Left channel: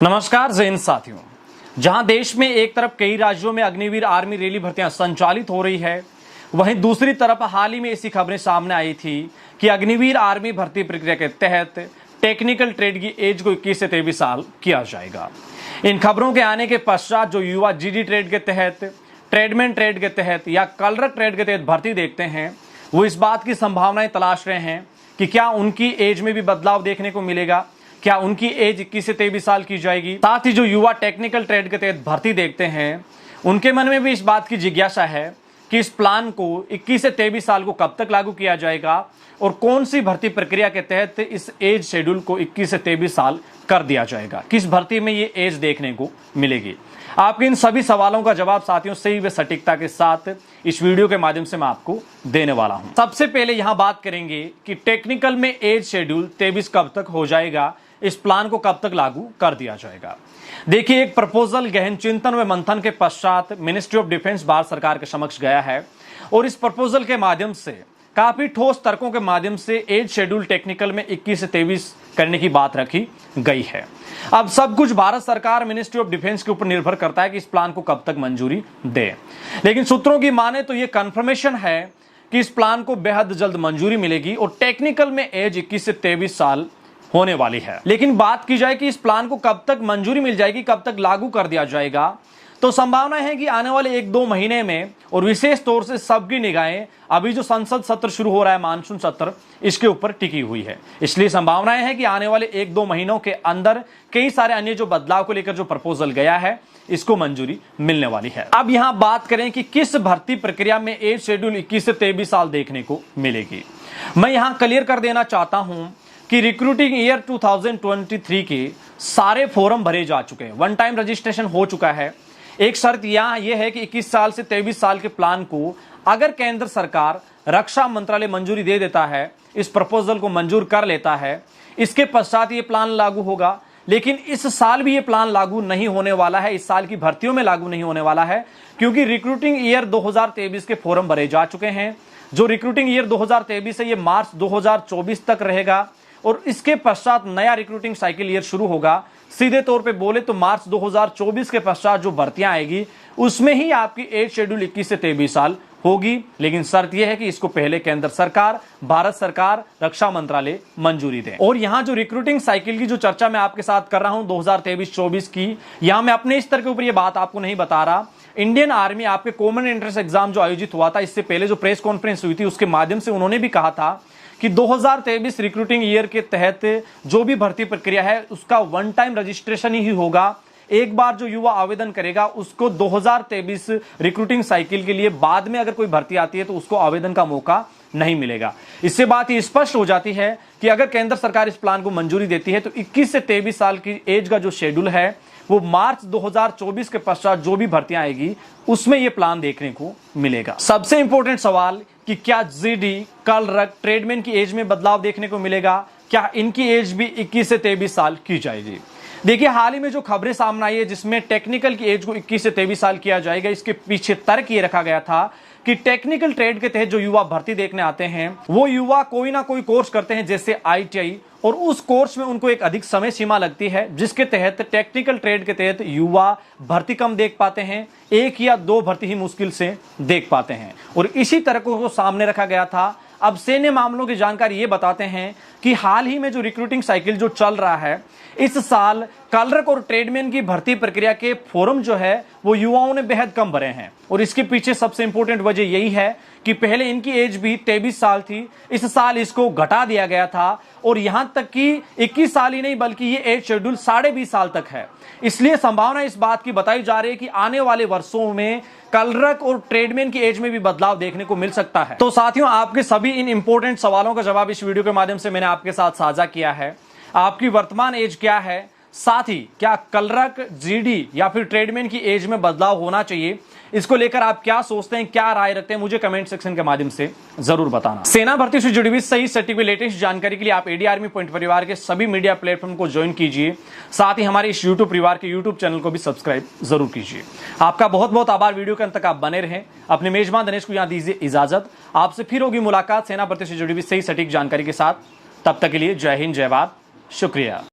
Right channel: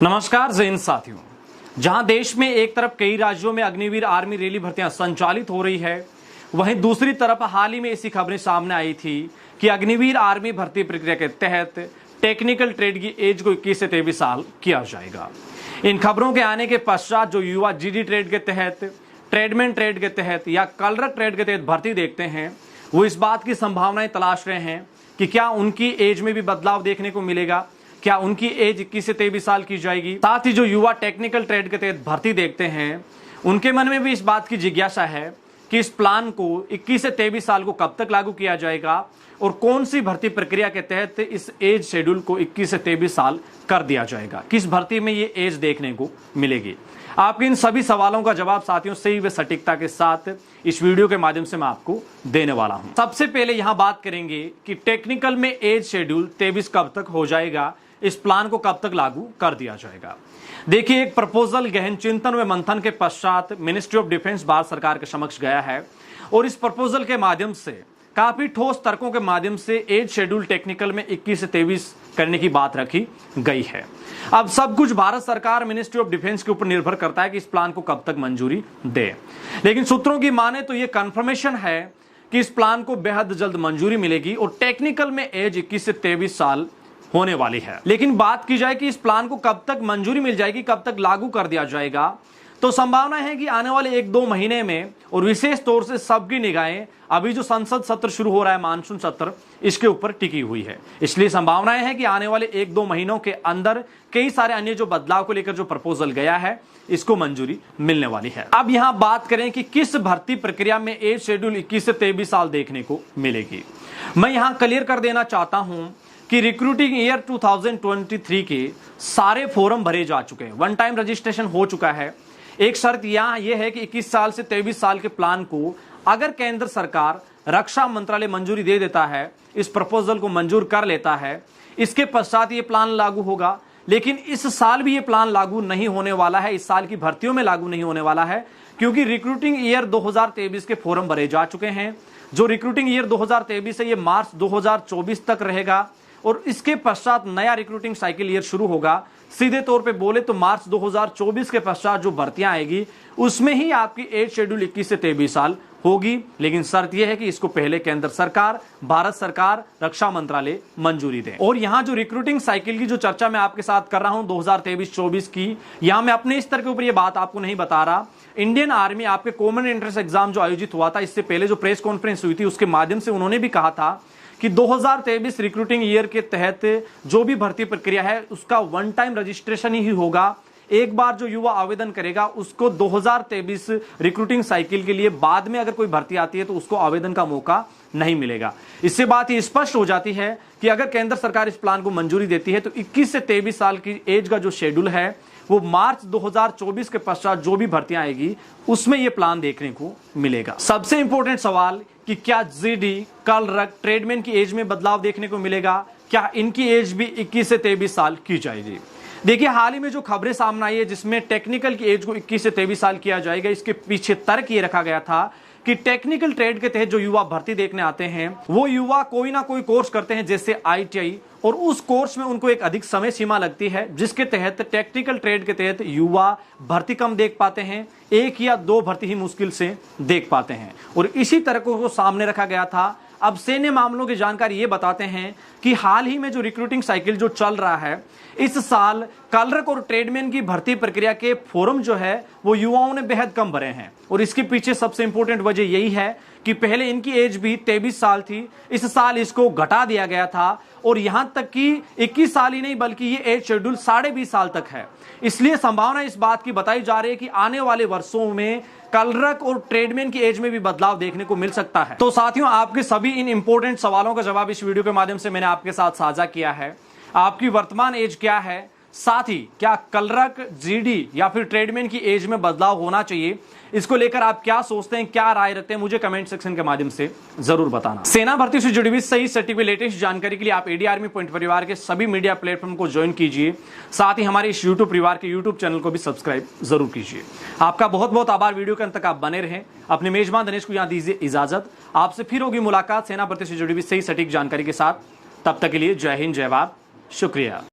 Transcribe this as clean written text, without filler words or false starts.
नमस्कार जैन साथियों, जहां देश में एक तरफ कई राज्यों में अग्निवीर आर्मी रैली भर्तियां संचालित हो रही है, वहीं दूसरी तरफ हाल ही में ऐसी खबरें सामने आई थी कि अग्निवीर आर्मी भर्ती प्रक्रिया के तहत टेक्निकल ट्रेड की एज को 21 से 23 साल किया जाएगा। इन खबरों के आने के पश्चात जो युवा जीडी ट्रेड के तहत, ट्रेडमैन ट्रेड के तहत या कलरक ट्रेड के तहत भर्ती देखते हैं, वो इस बात की संभावनाएं तलाश रहे हैं कि क्या उनकी एज में भी बदलाव देखने को मिलेगा, क्या उनकी एज 21 से 23 साल की जाएगी। साथ ही जो युवा टेक्निकल ट्रेड के तहत भर्ती देखते हैं, उनके मन में भी इस बात की जिज्ञासा है कि इस प्लान को 21 से 23 साल को कब तक लागू किया जाएगा और कौन सी भर्ती प्रक्रिया के तहत इस एज शेड्यूल को 21 से 23 साल कर दिया जाएगा, किस भर्ती में ये एज देखने को मिलेगी। आपके इन सभी सवालों का जवाब साथियों सही व सटीकता के साथ इस वीडियो के माध्यम से मैं आपको देने वाला हूं। सबसे पहले यहां बात करेंगे कि टेक्निकल में एज शेड्यूल 23 कब तक हो जाएगा, इस प्लान को कब तक लागू कर दिया जाएगा। देखिए, एक प्रपोजल गहन चिंतन व मंथन के पश्चात मिनिस्ट्री ऑफ डिफेंस भारत सरकार के समक्ष गया है और इस प्रपोजल के माध्यम से काफी ठोस तर्कों के माध्यम से एज शेड्यूल टेक्निकल में 21 से 23 करने की बात रखी गई है। अब सब कुछ भारत सरकार मिनिस्ट्री ऑफ डिफेंस के ऊपर निर्भर करता है कि इस प्लान को कब तक मंजूरी दे, लेकिन सूत्रों की माने तो ये कंफर्मेशन है कि इस प्लान को बेहद जल्द मंजूरी मिलेगी और टेक्निकल में एज 21 से 23 साल होने वाली है। लेकिन बात की जाए कि इस प्लान को कब तक मंजूरी मिल जाएगी, कब तक लागू कर दिया जाएगा, तो संभावना है कि आने वाले 1-2 महीने में, और विशेष तौर से सबकी निगाहें अभी जो संसद सत्र शुरू हो रहा है, मानसून सत्र, इसके ऊपर टिकी हुई है। इसलिए संभावनाएं है कि आने वाले 1-2 महीनों के अंदर कई सारे अन्य जो बदलाव को लेकर जो प्रपोजल गया है, इसको मंजूरी मिलने वाली है। अब यहां बात करें कि किस भर्ती प्रक्रिया में एज शेड्यूल 21 से 23 साल देखने को मिलेगी। मैं यहां क्लियर कर देना चाहता हूं कि रिक्रूटिंग ईयर 2023 के सारे फॉर्म भरे जा चुके हैं, वन टाइम रजिस्ट्रेशन हो चुका है। एक शर्त यहां यह है कि 21 साल से 23 साल के प्लान को अगर केंद्र सरकार, रक्षा मंत्रालय मंजूरी दे देता है, इस प्रपोजल को मंजूर कर लेता है, इसके पश्चात ये प्लान लागू होगा। लेकिन इस साल भी ये प्लान लागू नहीं होने वाला है, इस साल की भर्तियों में लागू नहीं होने वाला है, क्योंकि रिक्रूटिंग ईयर 2023 के फॉर्म भरे जा चुके हैं। जो रिक्रूटिंग ईयर 2023 है, ये मार्च 2024 तक रहेगा और इसके पश्चात नया रिक्रूटिंग साइकिल ईयर शुरू होगा। सीधे तौर पे बोले तो मार्च 2024 के पश्चात जो भर्तियां आएगी, उसमें ही आपकी एज शेड्यूल 21 से 23 साल होगी। लेकिन शर्त यह है कि इसको पहले केंद्र सरकार, भारत सरकार, रक्षा मंत्रालय मंजूरी दे। और यहाँ जो रिक्रूटिंग साइकिल की जो चर्चा मैं आपके साथ कर रहा हूं 2023-24 की, यहाँ मैं अपने स्तर के ऊपर ये बात आपको नहीं बता रहा। इंडियन आर्मी आपके कॉमन एंट्रेंस एग्जाम जो आयोजित हुआ था, इससे पहले जो प्रेस कॉन्फ्रेंस हुई थी, उसके माध्यम से उन्होंने भी कहा था कि 2023 रिक्रूटिंग ईयर के तहत जो भी भर्ती प्रक्रिया है, उसका वन टाइम रजिस्ट्रेशन ही होगा। एक बार जो युवा आवेदन करेगा, उसको 2023 रिक्रूटिंग साइकिल के लिए बाद में अगर कोई भर्ती आती है तो उसको आवेदन का मौका नहीं मिलेगा। इससे बात ये स्पष्ट हो जाती है कि अगर केंद्र सरकार इस प्लान को मंजूरी देती है तो 21 से 23 साल की एज का जो शेड्यूल है, वो मार्च 2024 के पश्चात जो भी भर्तियां आएगी, उसमें ये प्लान देखने को मिलेगा। सबसे इंपॉर्टेंट सवाल कि क्या जीडी, कलरक, ट्रेडमैन की एज में बदलाव देखने को मिलेगा, क्या इनकी एज भी 21 से 23 साल की जाएगी। देखिए, हाल ही में जो खबरें सामने आई है जिसमें टेक्निकल की एज को 21 से 23 साल किया जाएगा, इसके पीछे तर्क ये रखा गया था कि टेक्निकल ट्रेड के तहत जो युवा भर्ती देखने आते हैं, वो युवा कोई ना कोई कोर्स करते हैं, जैसे ITI, और उस कोर्स में उनको एक अधिक समय सीमा लगती है, जिसके तहत टेक्निकल ट्रेड के तहत युवा भर्ती कम देख पाते हैं, 1 या 2 भर्ती ही मुश्किल से देख पाते हैं। और इसी तर्कों को सामने रखा गया था। अब सैन्य मामलों की जानकारी ये बताते हैं कि हाल ही में जो रिक्रूटिंग साइकिल जो चल रहा है, इस साल कलरक और ट्रेडमैन की भर्ती प्रक्रिया के फॉर्म जो है वो युवाओं ने बेहद कम भरे हैं। और इसके पीछे सबसे इंपॉर्टेंट वजह यही है कि पहले इनकी एज भी 23 साल थी, इस साल इसको घटा दिया गया था और यहां तक कि 21 साल ही नहीं बल्कि ये एज शेड्यूल 20.5 साल तक है। इसलिए संभावना इस बात की बताई जा रही है कि आने वाले वर्षों में कलरक और ट्रेडमैन की एज में भी बदलाव देखने को मिल सकता है। तो साथियों, आपके सभी इन इंपॉर्टेंट सवालों का जवाब इस वीडियो के माध्यम से मैंने आपके साथ साझा किया है। आपकी वर्तमान एज क्या है, साथ ही क्या कलरक, जीडी या फिर ट्रेडमैन की एज में बदलाव होना चाहिए, इसको लेकर आप क्या सोचते हैं, क्या राय रखते हैं, मुझे कमेंट सेक्शन के माध्यम से जरूर बताना। सेना भर्ती से जुड़ी हुई सही सटीक लेटेस्ट जानकारी के लिए आप एडी आर्मी पॉइंट परिवार के सभी मीडिया प्लेटफॉर्म को ज्वाइन कीजिए। साथ ही हमारे इस यूट्यूब परिवार के यूट्यूब चैनल को भी सब्सक्राइब जरूर कीजिए। आपका बहुत बहुत आभार। वीडियो के अंत तक आप बने रहें। अपने मेजबान दिनेश को यहाँ दीजिए इजाजत। आपसे फिर होगी मुलाकात सेना भर्ती से जुड़ी हुई सही सटीक जानकारी के साथ। तब तक के लिए जय हिंद, जय भारत, शुक्रिया।